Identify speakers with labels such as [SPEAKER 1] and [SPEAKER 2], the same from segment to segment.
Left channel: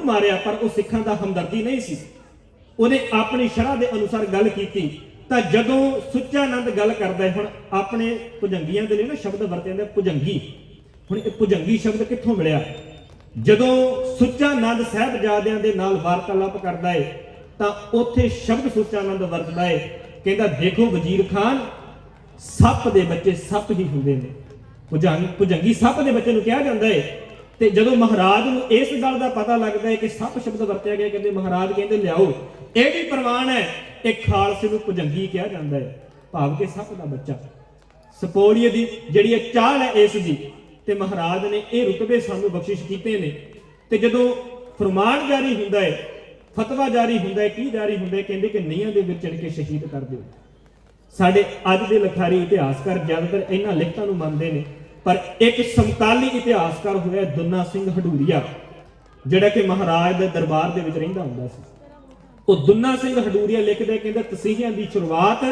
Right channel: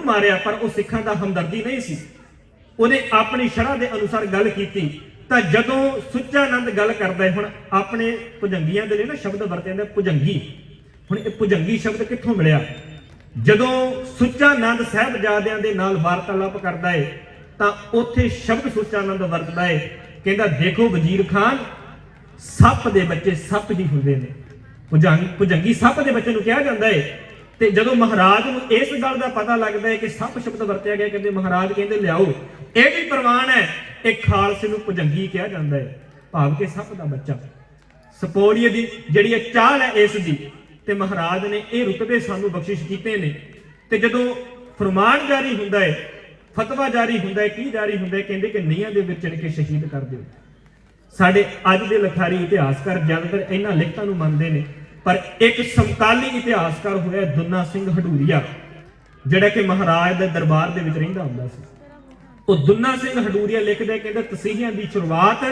[SPEAKER 1] ਜ਼ਰੂਰ ਮਾਰਿਆ, ਪਰ ਉਹ ਸਿੱਖਾਂ ਦਾ ਹਮਦਰਦੀ ਨਹੀਂ ਸੀ। ਉਹਨੇ ਆਪਣੀ ਸ਼ਰ੍ਹਾ ਦੇ ਅਨੁਸਾਰ ਗੱਲ ਕੀਤੀ। ਤਾਂ ਜਦੋਂ ਸੁੱਚਾਨੰਦ ਗੱਲ ਕਰਦਾ ਹੈ ਹੁਣ, ਆਪਣੇ ਭੁਜੰਗੀਆਂ ਦੇ ਲਈ ਨਾ ਸ਼ਬਦ ਵਰਤੇ ਜਾਂਦੇ, ਭੁਜੰਗੀ। ਹੁਣ ਇਹ ਭੁਜੰਗੀ ਸ਼ਬਦ ਕਿੱਥੋਂ ਮਿਲਿਆ? ਜਦੋਂ ਸੁੱਚਾਨੰਦ ਸਾਹਿਬਜ਼ਾਦਿਆਂ ਦੇ ਨਾਲ ਵਾਰਤਾਲਾਪ ਕਰਦਾ ਹੈ ਤਾਂ ਉੱਥੇ ਸ਼ਬਦ ਸੁੱਚਾਨੰਦ ਵਰਤਦਾ ਹੈ ਕਹਿੰਦਾ, ਦੇਖੋ ਵਜ਼ੀਰ ਖਾਨ, ਸੱਪ ਦੇ ਬੱਚੇ ਸੱਪ ਹੀ ਹੁੰਦੇ ਨੇ। ਭੁਜੰਗ ਭੁਜੰਗੀ ਸੱਪ ਦੇ ਬੱਚੇ ਨੂੰ ਕਿਹਾ ਜਾਂਦਾ ਹੈ ਤੇ ਜਦੋਂ ਮਹਾਰਾਜ ਨੂੰ ਇਸ ਗੱਲ ਦਾ ਪਤਾ ਲੱਗਦਾ ਹੈ ਕਿ ਸਭ ਸ਼ਬਦ ਵਰਤਿਆ ਗਿਆ, ਕਹਿੰਦੇ ਮਹਾਰਾਜ ਕਹਿੰਦੇ, ਲਿਆਓ, ਇਹ ਵੀ ਪ੍ਰਵਾਨ ਹੈ। ਇਹ ਖਾਲਸੇ ਨੂੰ ਭੁਜੰਗੀ ਕਿਹਾ ਜਾਂਦਾ ਹੈ, ਭਾਵ ਕਿ ਸਭ ਦਾ ਬੱਚਾ। ਸਪੋਲੀਏ ਦੀ ਜਿਹੜੀ ਇਹ ਚਾਲ ਹੈ ਇਸ ਦੀ, ਤੇ ਮਹਾਰਾਜ ਨੇ ਇਹ ਰੁਤਬੇ ਸਾਨੂੰ ਬਖਸ਼ਿਸ਼ ਕੀਤੇ ਨੇ। ਤੇ ਜਦੋਂ ਫਰਮਾਨ ਜਾਰੀ ਹੁੰਦਾ ਹੈ, ਫਤਵਾ ਜਾਰੀ ਹੁੰਦਾ ਹੈ, ਕੀ ਜਾਰੀ ਹੁੰਦਾ ਹੈ, ਕਹਿੰਦੇ ਕਿ ਨੀਹਾਂ ਦੇ ਵਿੱਚ ਚੜ ਕੇ ਸ਼ਹੀਦ ਕਰ ਦਿਓ। ਸਾਡੇ ਅੱਜ ਦੇ ਲਖਾਰੀ ਇਤਿਹਾਸਕਾਰ ਜ਼ਿਆਦਾਤਰ ਇਹਨਾਂ ਲਿਖਤਾਂ ਨੂੰ ਮੰਨਦੇ ਨੇ। ਪਰ ਇੱਕ ਸਮਕਾਲੀ ਇਤਿਹਾਸਕਾਰ ਹੋਇਆ ਦੁੰਨਾ ਸਿੰਘ ਹਡੂਰੀਆ ਜਿਹੜਾ ਕਿ ਮਹਾਰਾਜ ਦੇ ਦਰਬਾਰ ਦੇ ਵਿੱਚ ਰਹਿੰਦਾ ਹੁੰਦਾ ਸੀ। ਉਹ ਦੁੰਨਾ ਸਿੰਘ ਹਡੂਰੀਆ ਲਿਖਦੇ ਕਹਿੰਦੇ, ਤਸੀਹਿਆਂ ਦੀ ਸ਼ੁਰੂਆਤ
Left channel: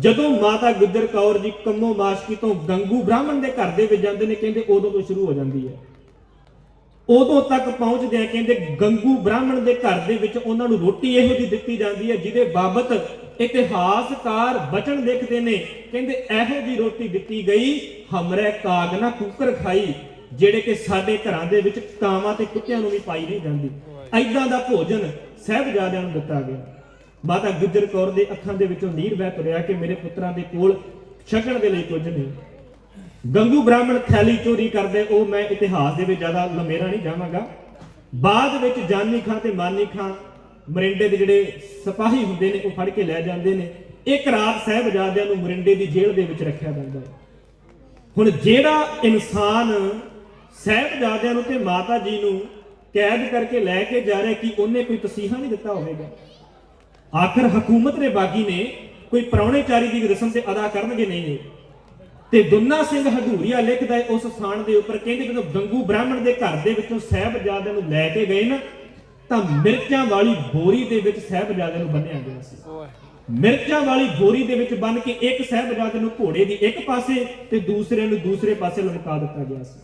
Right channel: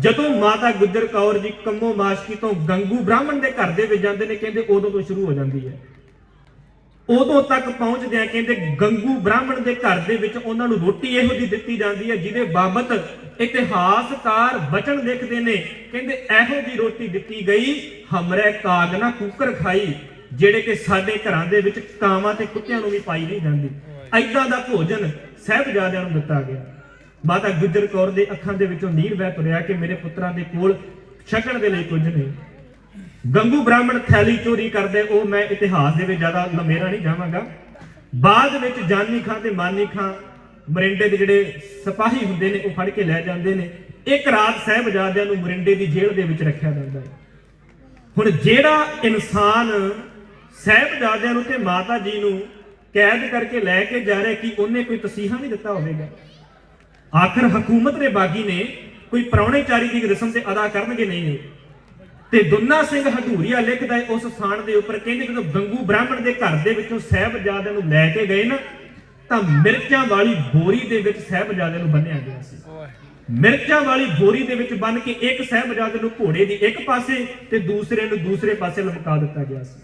[SPEAKER 1] ਜਦੋਂ ਮਾਤਾ ਗੁਜਰ ਕੌਰ ਜੀ ਕੰਮੋ ਮਾਸ਼ਕੀ ਤੋਂ ਗੰਗੂ ਬ੍ਰਾਹਮਣ ਦੇ ਘਰ ਦੇ ਵਿੱਚ ਜਾਂਦੇ ਨੇ, ਕਹਿੰਦੇ ਉਦੋਂ ਤੋਂ ਸ਼ੁਰੂ ਹੋ ਜਾਂਦੀ ਹੈ। ਉਦੋਂ ਤੱਕ ਪਹੁੰਚਦੇ ਆ, ਕਹਿੰਦੇ ਗੰਗੂ ਬ੍ਰਾਹਮਣ ਦੇ ਘਰ ਦੇ ਵਿੱਚ ਉਹਨਾਂ ਨੂੰ ਰੋਟੀ ਇਹੋ ਜਿਹੀ ਦਿੱਤੀ ਜਾਂਦੀ ਹੈ, ਜਿਹਦੇ ਬਾਬਤ ਇਤਿਹਾਸਕਾਰ ਬਚਨ ਲਿਖਦੇ ਨੇ, ਕਹਿੰਦੇ ਇਹੋ ਜਿਹੀ ਰੋਟੀ ਦਿੱਤੀ ਗਈ, ਹਮਰੇ ਕਾਗ ਨਾ ਕੁੱਕਰ ਖਾਈ, ਜਿਹੜੇ ਕਿ ਸਾਡੇ ਘਰਾਂ ਦੇ ਵਿੱਚ ਕਾਵਾਂ ਤੇ ਕੁੱਤਿਆਂ ਨੂੰ ਵੀ ਪਾਈ ਨਹੀਂ ਜਾਂਦੀ। ਐਦਾਂ ਦਾ ਭੋਜਨ ਸਹਿਬਜ਼ਾਦਿਆਂ ਨੂੰ ਦਿੱਤਾ ਗਿਆ। ਮਾਤਾ ਗੁਜਰ ਕੌਰ ਦੇ ਅੱਖਾਂ ਦੇ ਵਿੱਚੋਂ ਨੀਰ ਵਹਿ ਤੁਰਿਆ ਕਿ ਮੇਰੇ ਪੁੱਤਰਾਂ ਦੇ ਕੋਲ ਛਕਣ ਦੇ ਲਈ ਕੁਝ ਨਹੀਂ। ਗੰਗੂ ਬ੍ਰਾਹਮਣ ਥੈਲੀ ਚੋਰੀ ਕਰਦੇ, ਉਹ ਮੈਂ ਇਤਿਹਾਸ ਦੇ ਵਿੱਚ ਜ਼ਿਆਦਾ ਲੰਮੇਰਾ ਨਹੀਂ ਜਾਵਾਂਗਾ। ਬਾਅਦ ਵਿੱਚ ਜਾਨੀ ਖਾਂ ਤੇ ਮਾਨੀ ਖਾਂ ਮਰਿੰਡੇ ਦੇ ਜਿਹੜੇ ਸਿਪਾਹੀ ਹੁੰਦੇ ਨੇ, ਉਹ ਫੜ ਕੇ ਲੈ ਜਾਂਦੇ ਨੇ। ਇੱਕ ਰਾਤ ਸਾਹਿਬਜ਼ਾਦਿਆਂ ਨੂੰ ਮਰਿੰਡੇ ਦੀ ਜੇਲ੍ਹ ਦੇ ਵਿੱਚ ਰੱਖਿਆ ਜਾਂਦਾ ਹੈ। ਹੁਣ ਜਿਹੜਾ ਇਨਸਾਨ ਸਾਹਿਬਜ਼ਾਦਿਆਂ ਨੂੰ ਤੇ ਮਾਤਾ ਜੀ ਨੂੰ ਕੈਦ ਕਰਕੇ ਲੈ ਕੇ ਜਾ ਰਿਹਾ, ਕਿ ਉਹਨੇ ਕੋਈ ਤਸੀਹਾ ਨਹੀਂ ਦਿੱਤਾ ਹੋਵੇਗਾ? ਆਖਰ ਹਕੂਮਤ ਦੇ ਬਾਗੀ ਨੇ ਕੋਈ ਪ੍ਰਾਹੁਣੇਚਾਰੀ ਦੀ ਰਸਮ ਤੇ ਅਦਾ ਕਰਨਗੇ? ਨਹੀਂ ਇਹ ਤੇ ਦੁੰਨਾ ਸਿੰਘ ਹਡੂਰੀਆ ਲਿਖਦਾ ਹੈ ਉਸ ਸਥਾਨ ਦੇ ਉੱਪਰ ਕਹਿੰਦੇ ਜਦੋਂ ਗੰਗੂ ਬ੍ਰਾਹਮਣ ਦੇ ਘਰ ਦੇ ਵਿੱਚੋਂ ਸਹਿਬਜ਼ਾਦਿਆਂ ਨੂੰ ਲੈ ਕੇ ਗਏ ਨਾ ਤਾਂ ਮਿਰਚਾਂ ਵਾਲੀ ਬੋਰੀ ਦੇ ਵਿੱਚ ਸਹਿਬਜ਼ਾਦਿਆਂ ਨੂੰ ਬੰਨਿਆ ਗਿਆ ਸੀ। ਮਿਰਚਾਂ ਵਾਲੀ ਬੋਰੀ ਦੇ ਵਿੱਚ ਬੰਨ ਕੇ ਇੱਕ ਸਹਿਬਜ਼ਾਦੇ ਨੂੰ ਘੋੜੇ ਦੀ ਇੱਕ ਪਾਸੇ ਤੇ ਦੂਸਰੇ ਨੂੰ ਦੂਸਰੇ ਪਾਸੇ ਲਟਕਾ ਦਿੱਤਾ ਗਿਆ ਸੀ।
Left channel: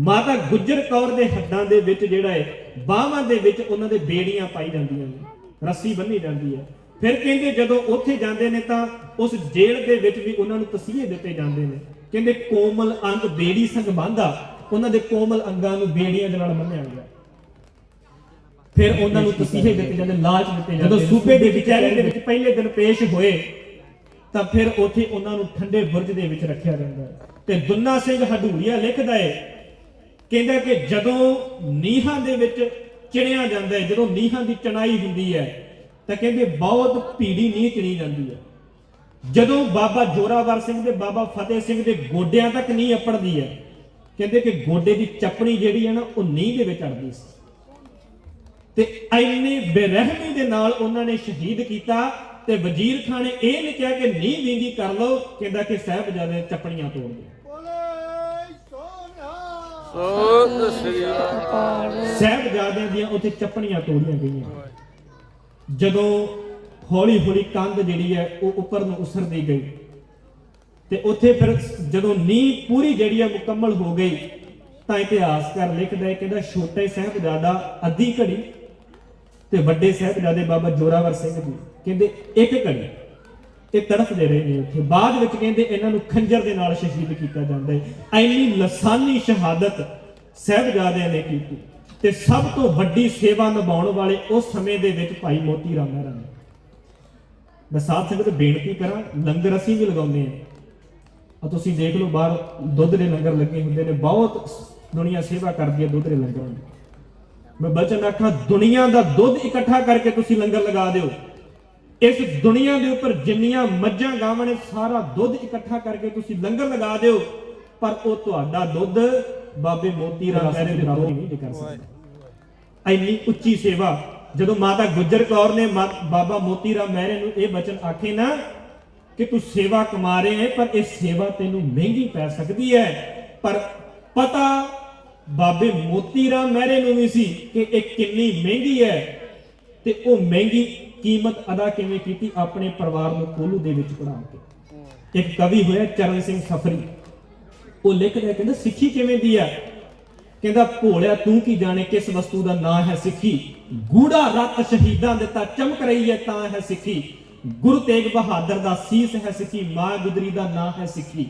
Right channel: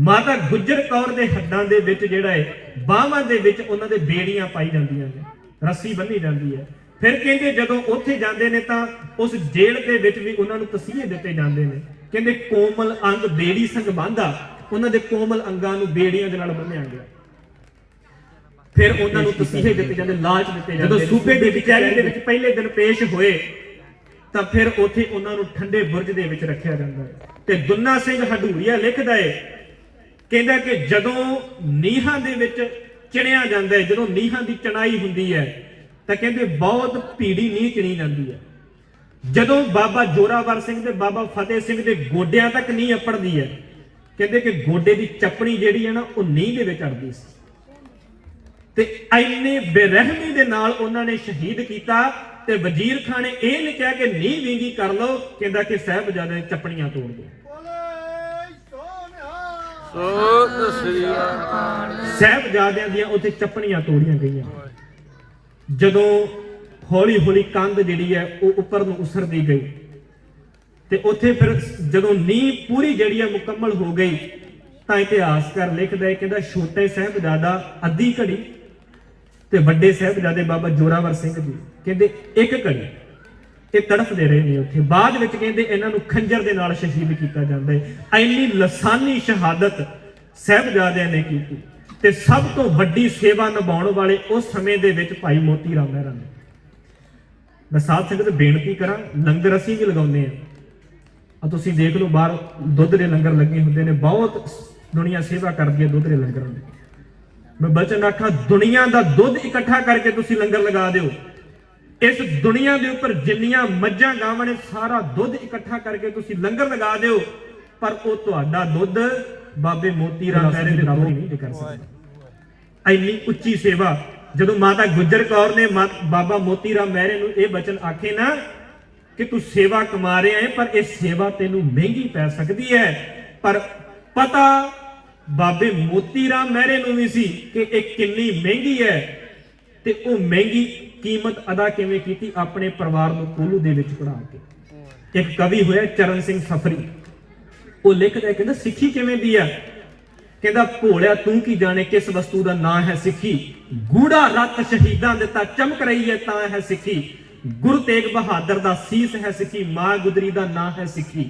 [SPEAKER 1] ਮਾਤਾ ਗੁਜਰ ਕੌਰ ਦੇ ਹੱਡਾਂ ਦੇ ਵਿੱਚ ਜਿਹੜਾ ਹੈ ਬਾਹਾਂ ਦੇ ਵਿੱਚ ਉਹਨਾਂ ਦੇ ਬੇੜੀਆਂ ਪਾਈ ਜਾਂਦੀਆਂ ਨੇ। ਰੱਸੀ ਬੰਨੀ ਜਾਂਦੀ ਹੈ। ਫਿਰ ਕਹਿੰਦੇ ਜਦੋਂ ਉੱਥੇ ਜਾਂਦੇ ਨੇ ਤਾਂ ਉਸ ਜੇਲ੍ਹ ਦੇ ਵਿੱਚ ਵੀ ਉਹਨਾਂ ਨੂੰ ਤਸੀਹੇ ਦਿੱਤੇ ਜਾਂਦੇ ਨੇ। ਕਹਿੰਦੇ ਕੋਮਲ ਅੰਗ ਬੇੜੀ ਸੰਗ ਬਾਂਧਾ ਉਹਨਾਂ ਦੇ ਕੋਮਲ ਅੰਗਾਂ ਨੂੰ ਬੇੜੀਆਂ ਦੇ ਨਾਲ ਬੰਨਿਆ ਗਿਆ। ਫਿਰ ਉਹਨਾਂ ਨੂੰ ਤਸੀਹੇ ਦਿੱਤੇ ਜਾਂਦੇ, ਲਾਜ ਦਿੱਤੇ ਜਾਂਦੇ ਜਦੋਂ ਸੂਬੇ ਦੇ ਵਿਚਾਰੀ ਦੇ ਵਿੱਚ ਪਹਿਲੇ ਦਿਨ ਪੇਸ਼ ਹੋਏ, ਤਾਂ ਫਿਰ ਉੱਥੇ ਉਹਨਾਂ ਨੂੰ ਠੰਡੇ ਬੁਰਜ ਦੇ ਵਿੱਚ ਰੱਖਿਆ ਜਾਂਦਾ ਹੈ। ਤੇ ਦੁੰਨਾ ਸਿੰਘ ਹਡੂਰੀਆ ਲਿਖਦਾ ਹੈ ਕਹਿੰਦਾ ਕਿ ਜਦੋਂ ਨੀਹਾਂ ਦੇ ਵਿੱਚ ਚਿਣਿਆ ਜਾਂਦਾ ਹੈ ਜਦੋਂ ਨੀਹਾਂ ਦੀ ਚਣਾਈ ਹੁੰਦੀ ਹੈ ਤਾਂ ਕਹਿੰਦੇ ਬਹੁਤ ਭੀੜੀ ਨੀਂਹ ਚਿਣੀ ਜਾਂਦੀ ਹੈ। ਜਦੋਂ ਬਾਬਾ ਜੋਰਾਵਰ ਸਿੰਘ ਤੇ ਬਾਬਾ ਫਤਿਹ ਸਿੰਘ ਦੇ ਗੋਡਿਆਂ ਤੱਕ ਨੀਂਹ ਅਪੜਦੀ ਹੈ ਕਹਿੰਦੇ ਕਿ ਗੋਡੇ ਦੀ ਚੱਪਣੀ ਜਿਹੜੀ ਹੈ ਨਾ ਉਹ ਨੀਂਹ ਦੇ ਵਿੱਚ ਅੜਦੀ ਸੀ। ਤੇ ਐਨੀ ਬੇਰਹਿਮੀ ਦੇ ਨਾਲ ਉਹਨਾਂ ਨੇ ਸ਼ਹੀਦ ਕੀਤਾ ਤੇ ਵਜ਼ੀਰ ਖਾਨ ਨੇ ਇਹ ਨਹੀਂ ਕਿਹਾ ਕਿ ਨੀਂਹ ਵਿੰਗੀ ਕਰ ਲਓ ਕਹਿੰਦਾ ਕਿ ਸਾਹਿਬਜ਼ਾਦੇ ਚੱਪਣੀਆਂ ਤੋੜ ਦਿਓ
[SPEAKER 2] ਸੋ
[SPEAKER 1] ਸਾਹਿਬਜ਼ਾਦਿਆਂ ਦੀਆਂ ਉੱਥੇ ਚੱਪਣੀਆਂ ਤੋੜੀਆਂ ਗਈਆਂ। ਜਦੋਂ ਹੌਲੀ ਹੌਲੀ ਕੰਧ ਜਿਹੜੀ ਹੈ ਉਹ ਉੱਪਰ ਨੂੰ ਉਸਰਦੀ ਗਈ ਤੇ ਉੱਥੇ ਫਿਰ ਜਦੋਂ ਨੀਂਹ ਪੂਰੀ ਜਿਹੜੀ ਹੈ ਮੁਕੰਮਲ ਹੋ ਗਈ, ਤਾਂ ਇਤਿਹਾਸਕਾਰ ਲਿਖਦਾ ਹੈ, ਕਹਿੰਦਾ ਛੋਟੇ ਸਾਹਿਬਜ਼ਾਦਾ ਅੱਧੀ ਘੜੀ ਤੇ ਵੱਡੇ ਸਾਹਿਬਜ਼ਾਦੇ ਬਾਬਾ ਜੋਰਾਵਰ ਸਿੰਘ ਜੀ। ਕਹਿੰਦੇ ਇੱਕ ਘੜੀ ਇਹ ਤੜਫਦੇ ਰਹੇ ਨੇ ਉੱਥੇ। ਬਾਅਦ ਵਿੱਚ ਕਹਿੰਦੇ ਇਹਨਾਂ ਨੂੰ ਖੰਜਰ ਦੇ ਨਾਲ ਸ਼ਹੀਦ ਕੀਤਾ ਜਾਂਦਾ ਹੈ। ਐਨੀ ਲਸਾਨੀ ਸ਼ਹਾਦਤ ਸਾਹਿਬਜ਼ਾਦਿਆਂ ਨੇ ਕੀਤੀ। ਤੇ ਸਭ ਤੋਂ ਵੱਡੀ ਸੇਵਾ ਨਿਭਾਉਣ ਵਾਲੇ ਉਸ ਸਮੇਂ ਦੇ ਵਿੱਚ ਭਾਈ ਮੋਤੀ ਰਾਮ ਮਹਿਰਾ ਨੇ। ਮੈਂ ਸਾਧ ਸੰਗਤ ਬੇਨਤੀ ਕਰਾਂ, ਲੰਗਰ ਅਸੀਂ ਵੀ ਲਗਾਉਂਦੇ ਆ ਆ ਤੁਸੀਂ ਦੇਖ ਲਓ ਬਾਹਰ ਦੁੱਧ ਦੇ ਲੰਗਰ ਲੱਗੇ ਹੁੰਦੇ ਨੇ, ਬਹੁਤ ਦੁਨੀਆ ਸੇਵਾ ਕਰਦੀ ਹੈ ਦੁੱਧ ਦੇ ਲੰਗਰਾਂ ਦੀ। ਮੈਂ ਬਚਨ ਆਖਾਂ ਦੁਨੀਆ ਦਾ ਦੁੱਧ ਇਕੱਠਾ ਕਰਕੇ ਤੁਸੀਂ ਲੰਗਰ ਲਗਾ ਦਿਓ। ਇਸ ਦੁਨੀਆ ਦੇ ਉੱਪਰ ਜਿੰਨੀਆਂ ਮੱਝਾਂ ਗਾਵਾਂ ਨੇ, ਸਾਰਾ ਦੁੱਧ ਇਕੱਠਾ ਕਰਕੇ ਤੁਸੀਂ ਲੰਗਰ ਲਗਾ ਦਿਓ। ਪਰ ਉਹ ਤੁਹਾਡਾ ਦੁੱਧ ਬਾਬੇ ਮੋਤੀ ਰਾਮ ਮਹਿਰੇ ਦੇ ਬਰਾਬਰ ਨਹੀਂ ਕਰ ਸਕਦਾ। ਇੰਨੀ ਉੱਚੀ ਸੇਵਾ ਜਦੋਂ ਮਾਤਾ ਗੁਜਰ ਕੌਰ ਨੇ ਬਾਬਾ ਮੋਤੀ ਰਾਮ ਮਹਿਰੇ ਨੂੰ ਇਹ ਬਚਨ ਆਖੇ ਨਾ ਕਿ ਤੂੰ ਸੇਵਾ ਕਮਾ ਰਿਹਾ ਹੈ ਪਰ ਇਹ ਸੇਵਾ ਤੈਨੂੰ ਮਹਿੰਗੀ ਪੈ ਸਕਦੀ ਹੈ ਪਰ ਪਤਾ ਬਾਬੇ ਮੋਤੀ ਰਾਮ ਮਹਿਰੇ ਨੂੰ ਵੀ ਸੀ ਕਿ ਇਹ ਕਿੰਨੀ ਮਹਿੰਗੀ ਹੈ ਤੇ ਉਹ ਮਹਿੰਗੀ ਕੀਮਤ ਅਦਾ ਕਿਵੇਂ ਕੀਤੀ? ਆਪਣੇ ਪਰਿਵਾਰ ਨੂੰ ਕੋਲੂ ਦੇ ਵਿੱਚ ਪੜਾ ਕੇ। ਇੱਕ ਕਵੀ ਹੋਇਆ ਚਰਨ ਸਿੰਘ ਸਫਰੀ। ਉਹ ਲਿਖਦਾ ਹੈ, ਕਹਿੰਦਾ ਸਿੱਖੀ ਕਿਵੇਂ ਦੀ ਆ? ਕਹਿੰਦਾ ਭੋਲਿਆ ਤੂੰ ਕੀ ਜਾਣੇ ਕਿਸ ਵਸਤੂ ਦਾ ਨਾਂ ਹੈ ਸਿੱਖੀ? ਗੂੜਾ ਰਤ ਸ਼ਹੀਦਾਂ ਦੇ ਤਾਂ ਚਮਕ ਰਹੀ ਹੈ ਤਾਂ ਹੈ ਸਿੱਖੀ। ਗੁਰੂ ਤੇਗ ਬਹਾਦਰ ਦਾ ਸੀਸ ਹੈ ਸਿੱਖੀ ਮਾਂ ਗੁਦਰੀ ਦਾ ਨਾਂ ਹੈ ਸਿੱਖੀ।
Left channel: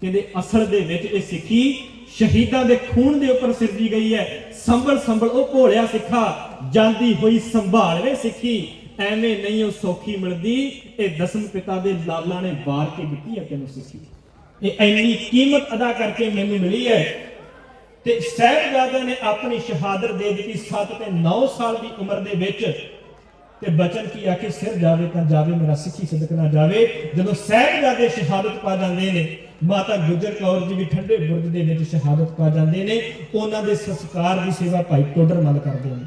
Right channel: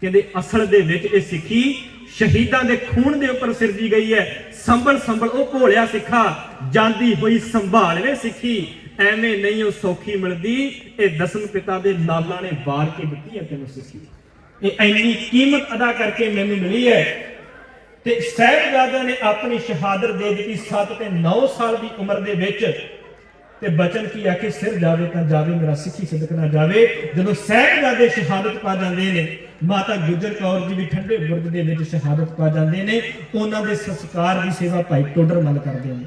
[SPEAKER 1] ਕਹਿੰਦੇ ਅਸਲ ਦੇ ਵਿੱਚ ਇਹ ਸਿੱਖੀ ਸ਼ਹੀਦਾਂ ਦੇ ਖੂਨ ਦੇ ਉੱਪਰ ਸਿਰਜੀ ਗਈ ਹੈ। ਸੰਭਲ ਸੰਭਲ ਉਹ ਭੋਲਿਆ ਸਿੱਖਾ ਜਾਂਦੀ ਹੋਈ ਸੰਭਾਲਵੇ ਸਿੱਖੀ। ਐਵੇਂ ਨਹੀਂ ਉਹ ਸੌਖੀ ਮਿਲਦੀ ਇਹ ਦਸਮ ਪਿਤਾ ਦੇ ਲਾਲਾਂ ਨੇ ਵਾਰ ਕੇ ਦਿੱਤੀ ਹੈ ਤੈਨੂੰ ਸਿੱਖੀ। ਇਹ ਇੰਨੀ ਕੀਮਤ ਅਦਾ ਕਰਕੇ ਮੈਨੂੰ ਮਿਲੀ ਹੈ। ਤੇ ਸਾਹਿਬਜ਼ਾਦਿਆਂ ਨੇ ਆਪਣੀ ਸ਼ਹਾਦਤ ਦੇ ਦਿੱਤੀ 7 ਤੇ 9 ਸਾਲ ਦੀ ਉਮਰ ਦੇ ਵਿੱਚ। ਤੇ ਬਚਨ ਕੀ ਆਖੇ ਸਿਰ ਜਾਵੇ ਤਾਂ ਜਾਵੇ, ਮੇਰਾ ਸਿੱਖੀ ਸਿਦਕ ਨਾ ਜਾਵੇ। ਜਦੋਂ ਸਾਹਿਬਜ਼ਾਦੇ ਸ਼ਹਾਦਤ ਪਾ ਜਾਂਦੇ ਨੇ, ਮਾਤਾ ਗੁਜਰ ਕੌਰ ਜੀ ਵੀ ਠੰਡੇ ਬੁਰਜ ਦੇ ਵਿੱਚ ਸ਼ਹਾਦਤ ਪਾ ਜਾਂਦੇ ਨੇ, ਉਹਨਾਂ ਦੇ ਸੰਸਕਾਰ ਦੀ ਸੇਵਾ ਭਾਈ ਟੋਡਰ ਨਾਲ ਕਰਦੇ ਨੇ।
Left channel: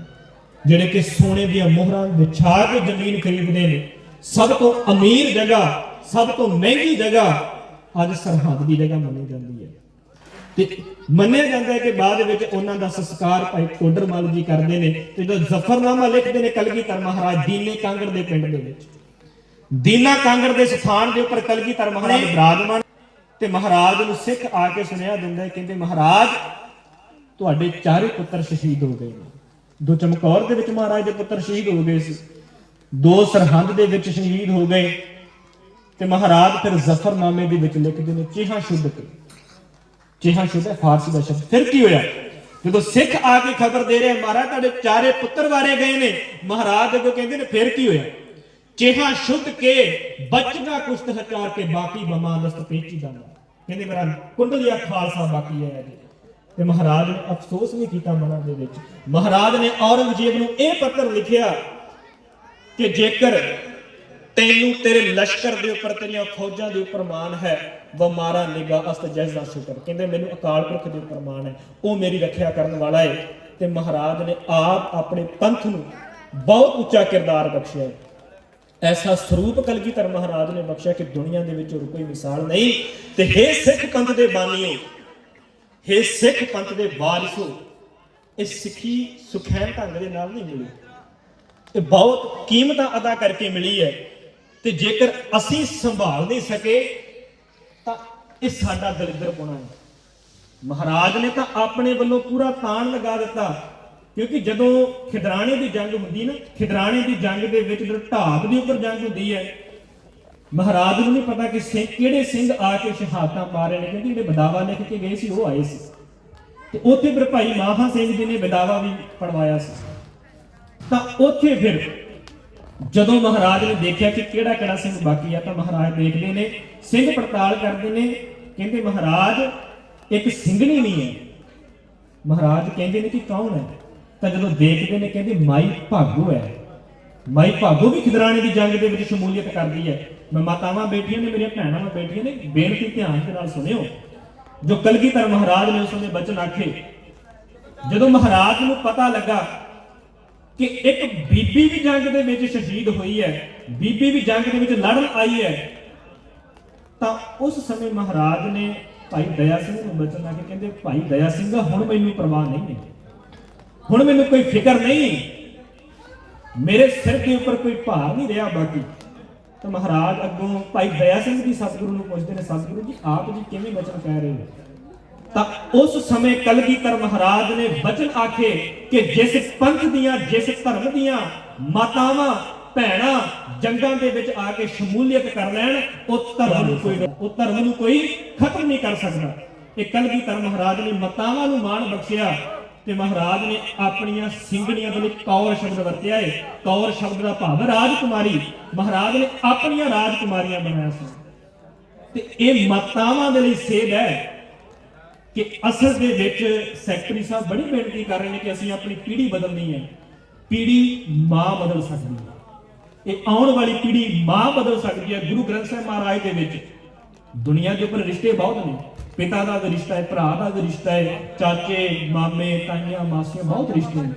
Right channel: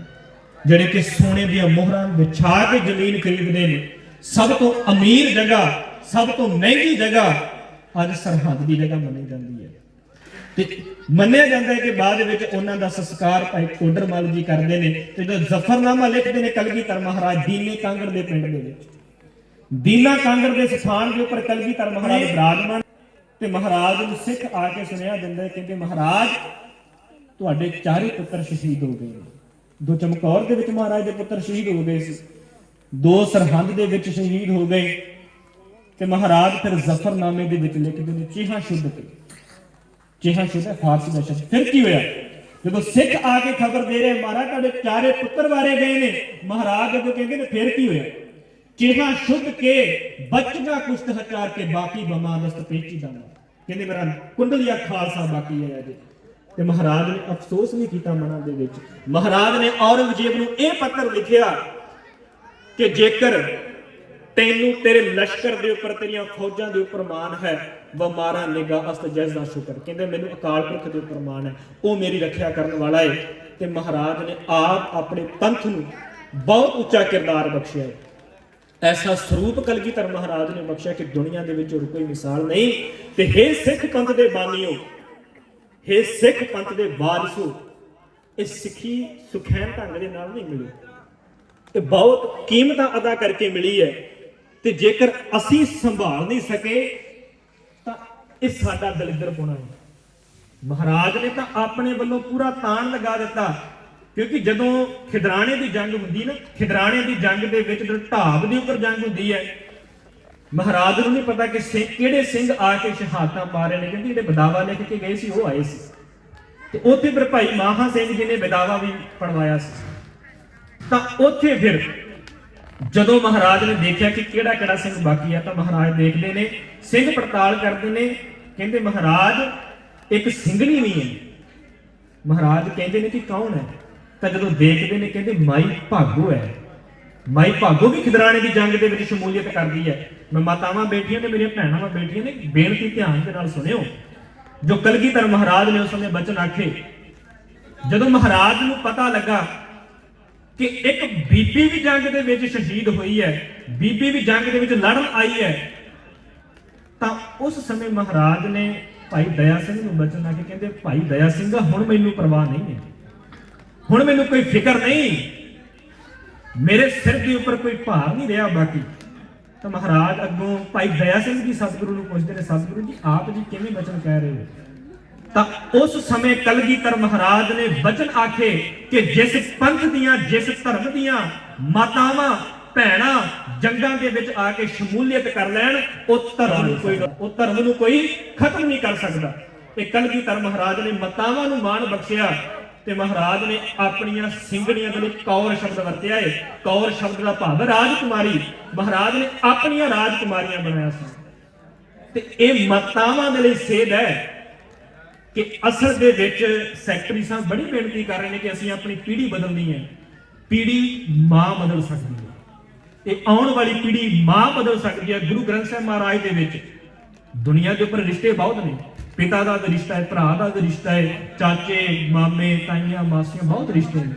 [SPEAKER 1] ਜਿਹੜੇ ਕਿ ਸੋਨੇ ਦੀਆਂ ਮੋਹਰਾਂ ਵਿਛਾ ਕੇ ਜ਼ਮੀਨ ਖਰੀਦਦੇ ਨੇ। ਸਭ ਤੋਂ ਅਮੀਰ ਜਗ੍ਹਾ, ਸਭ ਤੋਂ ਮਹਿੰਗੀ ਜਗ੍ਹਾ ਅੱਜ ਸਰਹੰਦ ਦੀ ਜਗ੍ਹਾ ਮੰਨੀ ਜਾਂਦੀ ਹੈ। ਤੇ ਮੰਨਿਆ ਜਾਂਦਾ ਹੈ ਕਿ ਬਾਅਦ ਵਿੱਚ ਉਹਨਾਂ ਦਾ ਸੰਸਕਾਰ ਭਾਈ ਕੋਡਰ ਜੀ ਕਰਦੇ ਨੇ ਤੇ ਜਦੋਂ ਜ਼ਫਰਨਾਮਾ ਲਿਖਦੇ ਨੇ ਕਲਗੀਧਰ ਮਹਾਰਾਜ, ਦੀਨੇ ਕਾਂਗੜ ਦੇ ਪਿੰਡ ਦੇ ਵਿੱਚ। ਦੀਨਾ ਕਾਂਗੜ ਦੇ ਸਥਾਨ ਦੇ ਉੱਪਰ ਕਲਗੀਧਰ ਮਹਾਰਾਜ ਬਿਰਾਜਮਾਨ ਤੇ ਮਹਾਰਾਜ ਨੂੰ ਸਿੱਖ ਆ ਕੇ ਸੁਨੇਹਾ ਦਿੰਦਾ ਕਹਿੰਦੇ, ਮਹਾਰਾਜ, ਤੁਹਾਡੇ ਚਾਰੇ ਪੁੱਤਰ ਸ਼ਹੀਦ ਹੋ ਗਏ ਨੇ। ਦੋ ਚਮਕੌਰ ਦੇ ਵਿੱਚ ਮਹਾਰਾਜ ਦੇ ਪੁੱਤਰ ਸ਼ਹੀਦ ਹੋ ਗਏ ਸੀ। ਦੋ ਸਰਹੰਦ ਦੇ ਵਿੱਚ ਸ਼ਹੀਦ ਹੋ ਗਏ। ਤੇ ਮਹਾਰਾਜ ਫਿਰ ਜ਼ਫਰਨਾਮੇ ਦੇ ਵਿੱਚ ਲਿਖਦੇ ਨੇ, ਚਿਹਾ ਸ਼ੁੱਧ ਕੇ ਚਿਹਾ ਸ਼ੁੱਧ ਹੈ, ਫਾਰਸੀ ਦਾ ਸ਼ਬਦ। ਫਿਰ ਕੀ ਹੋਇਆ? ਜਦੋਂ ਸਿੱਖ ਆ ਕੇ ਖਬਰ ਦੇ ਰਹੇ, ਮਹਾਰਾਜ ਤੁਹਾਡੇ ਚਾਰੇ ਪੁੱਤਰ ਵਾਰੇ ਗਏ ਨੇ। ਮਹਾਰਾਜ ਜਦੋਂ ਕਹਿੰਦੇ ਨੇ, ਫਿਰ ਕੀ ਹੋਇਆ? ਚਿਹਾ ਸ਼ੁੱਧ ਕੇ ਬਚਗਾ ਕੁਸ਼ਤ ਹਚਾਰ ਕੇ ਬਾਕੀ ਬਮਾ ਪੇਚੀ ਦਾ ਕਹਿੰਦੇ, ਮੇਰਾ ਕੁੰਡਲੀਆ ਖਾਲਸਾ ਬਾਕੀ ਹੈ ਅਜੇ। ਤੇ ਮਹਾਰਾਜ ਨੇ ਅਫਸੋਸ ਵੀ ਕੀਤਾ ਮਨਾਂ ਦੇ ਵਿੱਚ। ਮਹਾਰਾਜ ਨੇ ਔਰੰਗਜ਼ੇਬ ਨੂੰ ਇਹ ਪੱਤਰ ਲਿਖਿਆ ਕਿ ਜੇਕਰ ਤੈਨੂੰ ਤੇਰੇ ਲਸ਼ਕਰ ਦੇ ਉੱਪਰ, ਤੇਰੀਆਂ ਫੌਜਾਂ ਦੇ ਉੱਪਰ ਮਾਣ ਹੈ। ਵ ਮਾਰਾ ਨਿਗਾ ਅਸਤ ਜਸ ਦਾ ਸ਼ੁਕਰ। ਕਹਿੰਦੇ, ਮੈਨੂੰ ਅਕਾਲ ਪੁਰਖ ਦੇ ਉੱਪਰ ਮਾਣ ਹੈ। ਉਹ ਮੇਰੀ ਰੱਖਿਆ ਕਰਨ ਵਾਲਾ ਹੈ ਤੇ ਮਹਾਰਾਜ ਨੇ ਆਪ ਆਪਣੇ ਪੰਥ ਨੂੰ ਬਹੁਤ ਉੱਚਾ ਕਿਰਦਾਰ ਬਖਸ਼ਿਆ ਹੈ ਐਸਾ ਸਰੂਪ ਕਲਗੀਧਰ ਮਹਾਰਾਜ ਨੇ ਬਖਸ਼ਿਆ ਕਿ ਦੁਨੀਆ ਦੇ ਵਿੱਚ ਹੋਰ ਕੋਈ ਮਿਸਾਲ ਨਹੀਂ। ਤੇ हे ਸਿੱਖ ਪੰਥ ਦੇ ਬਾਨੀਓ हे ਸਿੱਖ ਪੰਥ ਦੇ ਵਾਰਿਸੋ ਇਹ ਸਿੱਖੀ ਸੁਖੈਨ ਢੰਗ ਦੇ ਨਾਲ ਨਹੀਂ ਮਿਲੀ। ਇਹ ਬਹੁਤ ਕੀਮਤਾਂ ਅਦਾ ਕਰਕੇ ਮਿਲੀ ਹੈ। ਤੇ ਜੇਕਰ ਅਸੀਂ ਸੰਭਾਲ ਨਹੀਂ ਸਕੇ, ਤਾਂ ਇਹ ਸਾਡਾ ਦਲਿੱਦਰ ਪੁਣਾ ਹੈ? ਮਹਾਰਾਜ ਨੇ ਤਾਂ ਆਪਣੇ ਵੱਲੋਂ ਪੂਰਾ ਤਾਣ ਲਗਾ ਦਿੱਤਾ, ਕਿਉਂਕਿ ਜਦੋਂ ਖਿਦਰਾਣੇ ਦੀ ਜੰਗ ਹੁੰਦੀ ਨਾ, ਖਿਦਰਾਣੇ ਦੀ ਜੰਗ ਦੇ ਵਿੱਚ ਜਦੋਂ ਢਾਬ ਦੀ ਉੱਪਰ ਜੰਗ ਹੁੰਦੀ ਹੈ, ਮਹਾਰਾਜ ਨੂੰ ਨਹੀਂ ਪਤਾ ਕਿ ਸਿੰਘ ਕਿਹੜੇ ਸਿੰਘ ਆ ਕੇ ਸ਼ਹਾਦਤਾਂ ਪਾ ਨੇ, ਕਿਉਂਕਿ ਜਿਹੜੇ ਬਦਾਵਾ ਲਿਖ ਕੇ ਗਏ ਸੀ, ਉਹ ਆਏ ਸੀ। ਤੇ ਉੱਥੇ ਫਿਰ ਭਾਈ ਮਾਹਾ ਸਿੰਘ ਜੀ ਨੇ ਬਦਾਵਾ ਵੀ ਪੜਵਾਇਆ ਸੀ। ਤਾਂ ਉੱਥੇ ਫਿਰ ਜਦੋਂ ਮਹਾਰਾਜ ਨੇ ਦੇਖਿਆ ਕਿ ਕਿਹੜਾ ਕਿਹੜਾ ਸਿੰਘ ਬਾਕੀ ਆ, ਤਾਂ ਮਹਾਰਾਜ ਦੇਖਦੇ ਨੇ, ਸਿੰਘ ਪੜਤਾਲ ਕਰਦੇ ਨੇ, ਕਹਿੰਦੇ ਮਹਾਰਾਜ, ਇੱਕ ਸਿੰਘਣੀ ਵੀ ਹੈ। ਮਹਾਰਾਜ ਕਹਿੰਦੇ ਨੇ ਕਿ ਕੌਣ ਹੈ? ਤਾਂ ਜਦੋਂ ਦੇਖਦੇ ਨੇ, ਕਹਿੰਦੇ ਮਾਈ ਭਾਗੋ ਹੈ। ਮਾਈ ਭਾਗੋ ਵੀ ਖਿਦਰਾਣੇ ਦੀ ਜੰਗ ਦੇ ਵਿੱਚ ਸ਼ਮੂਲੀਅਤ ਕਰਦੀ ਹੈ। ਮੈਂ ਮਾਤਾਵਾਂ ਬੈਠੀਆਂ ਨੇ, ਮੇਰੀਆਂ ਭੈਣਾਂ ਬੈਠੀਆਂ ਨੇ, ਬੇਨਤੀ ਧਿਆਨ ਦੇ ਨਾਲ ਸੁਣਿਓ। ਜੋ ਕਲਗੀਧਰ ਮਹਾਰਾਜ ਨੇ ਉਸ ਸਮੇਂ ਬਚਨ ਆਖੇ, ਜਦੋਂ ਮਹਾਰਾਜ ਨੂੰ ਪਤਾ ਲੱਗਾ ਕਿ ਇੱਕ ਬੀਬੀ ਵੀ ਜੰਗ ਦੇ ਵਿੱਚ ਸ਼ਹੀਦ ਹੋਈ ਹੈ, ਬੀਬੀ ਵੀ ਜੰਗ ਦੇ ਵਿੱਚ ਲੜਨ ਆਈ ਹੈ, ਤਾਂ ਉਸ ਸਮੇਂ ਮਹਾਰਾਜ ਨੇ ਭਾਈ ਦਇਆ ਸਿੰਘ ਨੂੰ ਬਚਨ ਆ ਕੇ ਕਹਿੰਦੇ, ਭਾਈ ਦਇਆ ਸਿੰਘ, ਹੁਣ ਮੈਨੂੰ ਪਰਵਾਹ ਨਹੀਂ ਹੈ। ਹੁਣ ਮੈਨੂੰ ਕੋਈ ਫਿਕਰ ਨਹੀਂ। ਮੇਰੇ ਸਿਰ ਦੇ ਉੱਪਰ ਕੋਈ ਭਾਰ ਨਹੀਂ ਰਿਹਾ ਬਾਕੀ। ਤਾਂ ਮਹਾਰਾਜ ਅੱਗੋਂ ਭਾਈ ਦਇਆ ਸਿੰਘ ਜੀ ਸਤਿਗੁਰੂ ਨੂੰ ਪੁੱਛਦੇ ਨੇ, ਸਤਿਗੁਰੂ ਜੀ, ਆਪ ਜੀ ਕਿਵੇਂ ਬਚਨ ਕਹਿ ਰਹੇ ਹੋ? ਤਾਂ ਉਸ ਸਮੇਂ ਕਲਗੀਧਰ ਮਹਾਰਾਜ ਨੇ ਬਚਨ ਆਖੇ ਕਿ ਜਿਸ ਪੰਥ ਦੀਆਂ, ਜਿਸ ਧਰਮ ਦੀਆਂ ਮਾਤਾਵਾਂ, ਭੈਣਾਂ ਜੰਗਾਂ ਦੇ ਵਿੱਚ ਆ ਕੇ ਸ਼ਮੂਲੀਅਤ ਕਰ ਲੈਣ ਉਹ ਧਰਮ ਨੂੰ ਕੋਈ ਉਹ ਧਰਮ ਨੂੰ ਕੋਈ ਖਤਮ ਨਹੀਂ ਕਰ ਸਕਦਾ। ਤੇ ਕਲਗੀਧਰ ਮਹਾਰਾਜ ਨੇ ਮਾਤਾਵਾਂ ਨੂੰ ਮਾਣ ਬਖਸ਼ਿਆ ਤੇ ਮਹਾਰਾਜ ਨੇ ਆਪਣੀਆਂ ਸਿੰਘਣੀਆਂ ਦੇ ਵਿੱਚ ਕੌਰ ਸ਼ਬਦ ਵਰਤਿਆ ਏ। ਕੌਰ ਸ਼ਬਦ ਦਾ ਭਾਵ ਰਾਜਕੁਮਾਰੀ। ਮਹਾਰਾਜ ਨੇ ਆਪਣੀਆਂ ਰਾਜਕੁਮਾਰੀਆਂ ਬਣਾਇਆ ਸੀ। ਤੇ ਇਹ ਮਾਤਾਵਾਂ ਦੇ ਲਈ ਸੇਧ ਹੈ। ਕਿ ਅਸਲ ਦੇ ਵਿੱਚ ਸੈਕਟਰੀ ਸਾਹਿਬ ਬੜੀ ਬੇਨਤੀ ਕਰ ਰਹੇ ਨੇ ਕਿ ਅਸੀਂ ਆਪਣੀ ਪੀੜ੍ਹੀ ਬਦਲਣੀ ਹੈ। ਪੀੜ੍ਹੀ ਮਾਂ ਬਦਲ ਸਕਦੀ ਹੈ। ਇਹ ਆਉਣ ਵਾਲੀ ਪੀੜ੍ਹੀ ਮਾਂ ਬਦਲ ਸਕਦੀ ਹੈ ਗੁਰੂ ਗ੍ਰੰਥ ਸਾਹਿਬ ਮਹਾਰਾਜ ਦੇ ਵਿੱਚ। ਦੁਨੀਆ ਦੇ ਉੱਪਰ ਰਿਸ਼ਤੇ ਬਹੁਤ ਨੇ। ਪਿਤਾ ਦਾ ਰਿਸ਼ਤਾ ਹੈ, ਭਰਾ ਦਾ ਰਿਸ਼ਤਾ ਹੈ, ਚਾਚੇ, ਮਾਮੇ, ਤਾਈਆਂ, ਮਾਸੀਆਂ ਬਹੁਤ ਰਿਸ਼ਤੇ ਨੇ।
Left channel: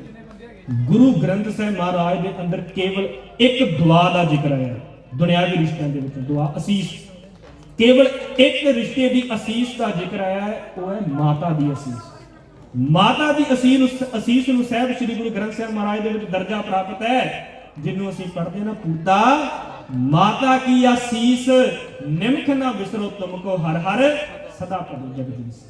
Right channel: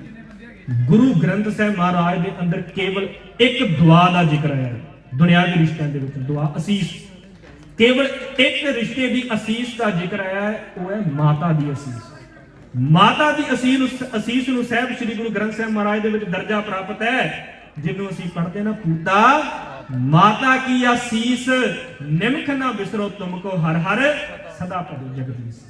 [SPEAKER 1] ਗੁਰੂ ਗ੍ਰੰਥ ਸਾਹਿਬ ਮਹਾਰਾਜ ਦੇ ਅੰਦਰ ਕੇਵਲ ਇੱਕ ਦੁਆ ਦਾ ਜ਼ਿਕਰ ਹੈ। ਦੁਨਿਆਵੀ ਰਿਸ਼ਤਿਆਂ ਦੇ ਵਿੱਚ ਦੁਆ ਅਸੀਸ। ਕੇਵਲ ਇੱਕ ਰਿਸ਼ਤੇ ਦੀ ਅਸੀਸ ਦਾ ਜ਼ਿਕਰ ਆਇਆ ਹੈ, ਉਹ ਹੈ ਮਾਤਾ ਦੀ ਅਸੀਸ। ਮਾਤਾ ਦੀ ਅਸੀਸ ਅਸੀਸ ਨੂੰ ਸਾਹਿਬ ਸ੍ਰੀ ਗੁਰੂ ਗ੍ਰੰਥ ਸਾਹਿਬ ਮਹਾਰਾਜ ਦੇ ਵਿੱਚ ਦਰਜਾ ਪ੍ਰਾਪਤ ਹੈ, ਜਿਹਨੂੰ ਅਸੀਂ ਪੜ੍ਹਦੇ ਨਾ ਪੂਤਾ, ਮਾਤਾ ਕੀ ਅਸੀਸ? ਨਿਮਖ ਨਾ ਵਿਸਰੋ ਤੁਮਕੋ ਹਰ ਹਰ, ਸਦਾ ਭਰੀ ਜਗਦੀਸ਼।